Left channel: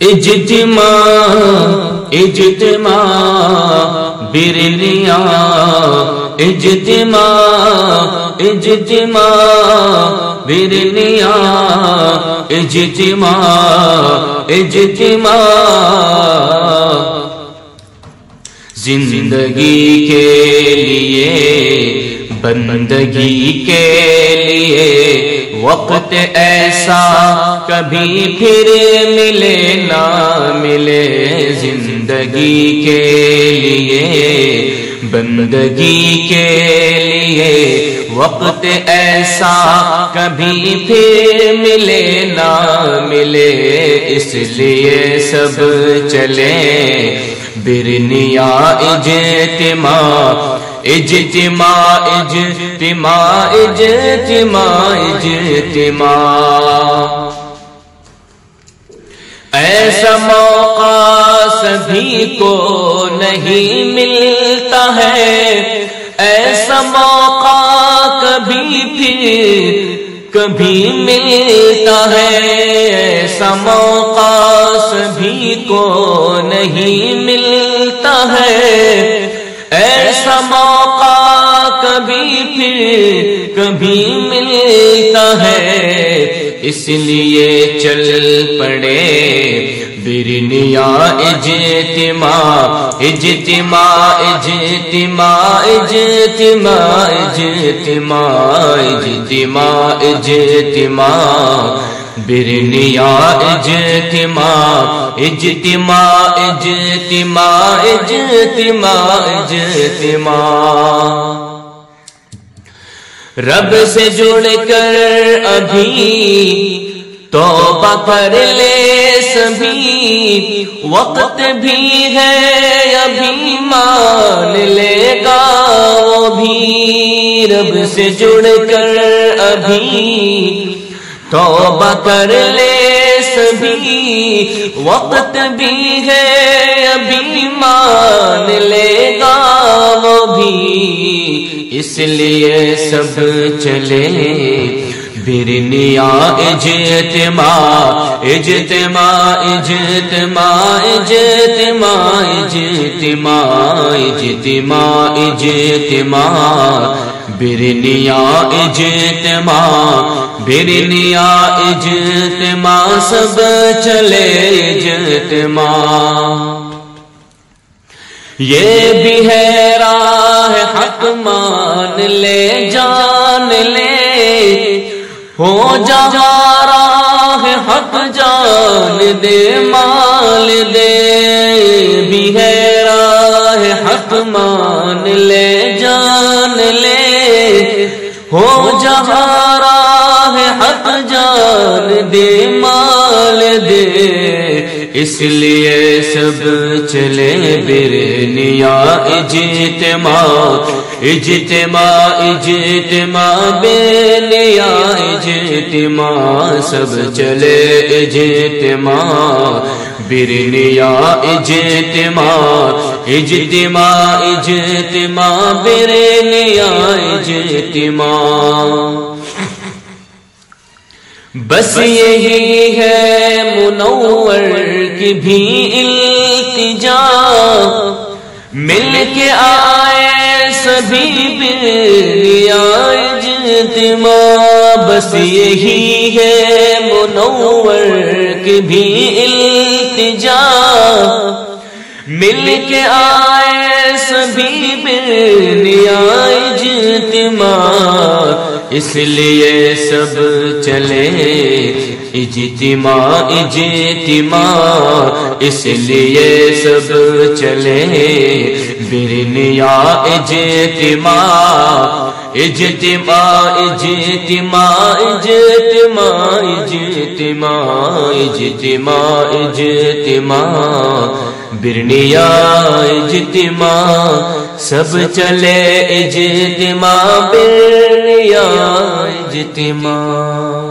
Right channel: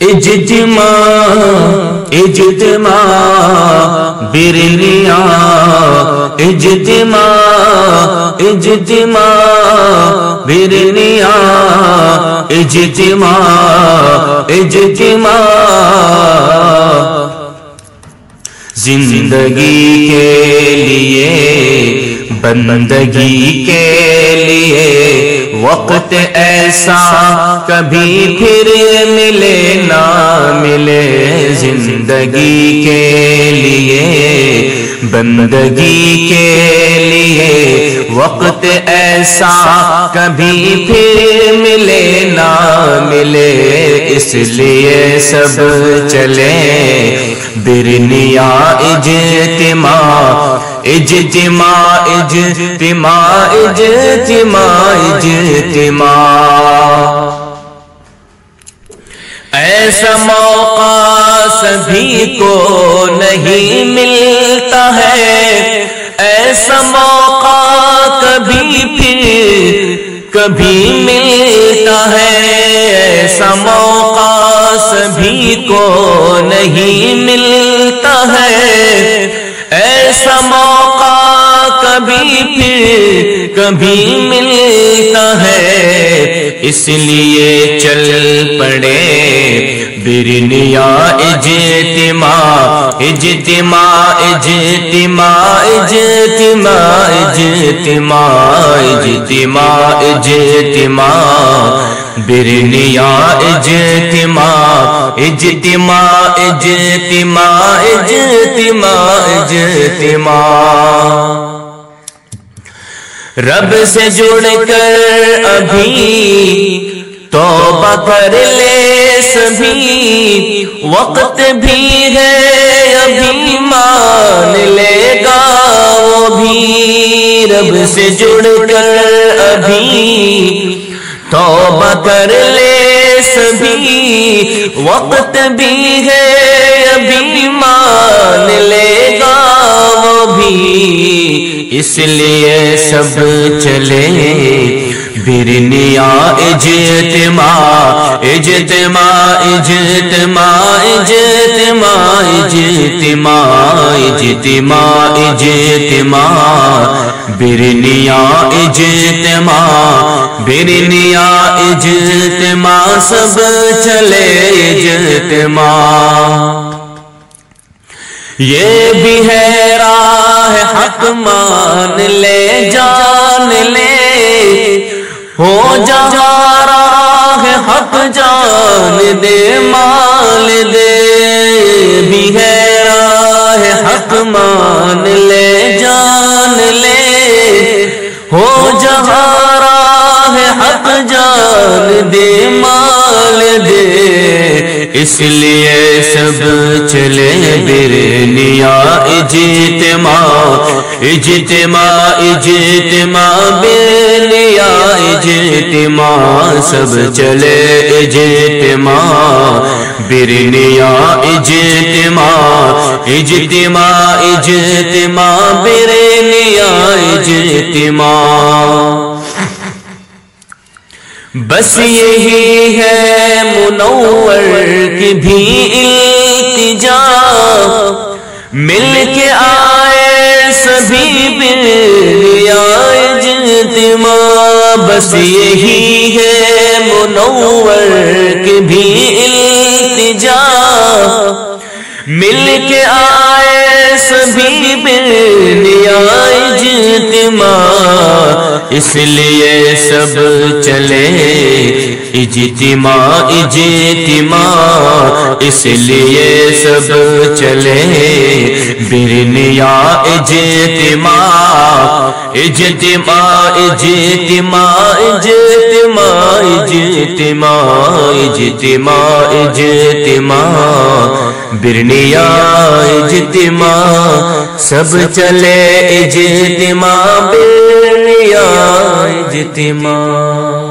اجتماع برنیا اجتماع برنیا اجتماع زندگی کے لیے بندگی کے لیے وقت ایسا کبھی پھر ملے نہ ملے زندگی کے لیے بندگی کے لیے وقت ایسا کبھی پھر ملے نہ ملے اس لیے سب چلے برنیا اجتماع اجتماع اجتماع اجتماع اجتماع ایسا موقع سبھی کو نہیں ملتا ہے ایسا موقع کبھی ملتا ہے ایسا موقع سبھی کو نہیں ملتا ہے ایسا موقع کبھی ملتا ہے اس لیے چل پڑے برنیا اجتماع اجتماع اجتماع اجتماع اجتماع اجتماع اجتماع برنیا اجتماع اجتماع اجتماع اجتماع اجتماع رب سے جڑ کر ابھی توبہ کر لے سبھی وقت بھی ہے ابھی مان لے گا وہ بھی رب سے جڑ کر ابھی توبہ کر لے سبھی وقت بھی ہے ابھی مان لے گا وہ بھی اس لیے سب چلے برنیا اجتماع اجتماع اجتماع اجتماع اجتماع اجتماع اجتماع برنیا اجتماع برنیا اجتماع سب چلے اجتماع یہ بھی ہے راہ حق مان لے جان لے ہو جہاں راہ حق جان دے مال دے بھی ہے راہ حق مان لے جان لے ہو جہاں راہ حق جان دے مال دے اس لیے سب چلے برنیا اجتماع اجتماع اجتماع برنیا اجتماع سب چلے اجتماع برنیا اجتماع اجتماع اجتماع برنیا اجتماع بس یہی ہے منور کی بھی التجا مل کے آئے سبھی برنیا اجتماع بس یہی ہے منور کی بھی التجا مل کے آئے سبھی برنیا اجتماع اس لیے سب چلے اجتماع اجتماع اس لیے سب چلے برنیا اجتماع اجتماع اجتماع اجتماع اجتماع اجتماع اجتماع برنیا اجتماع سب چلے اجتماع برنیا اجتماع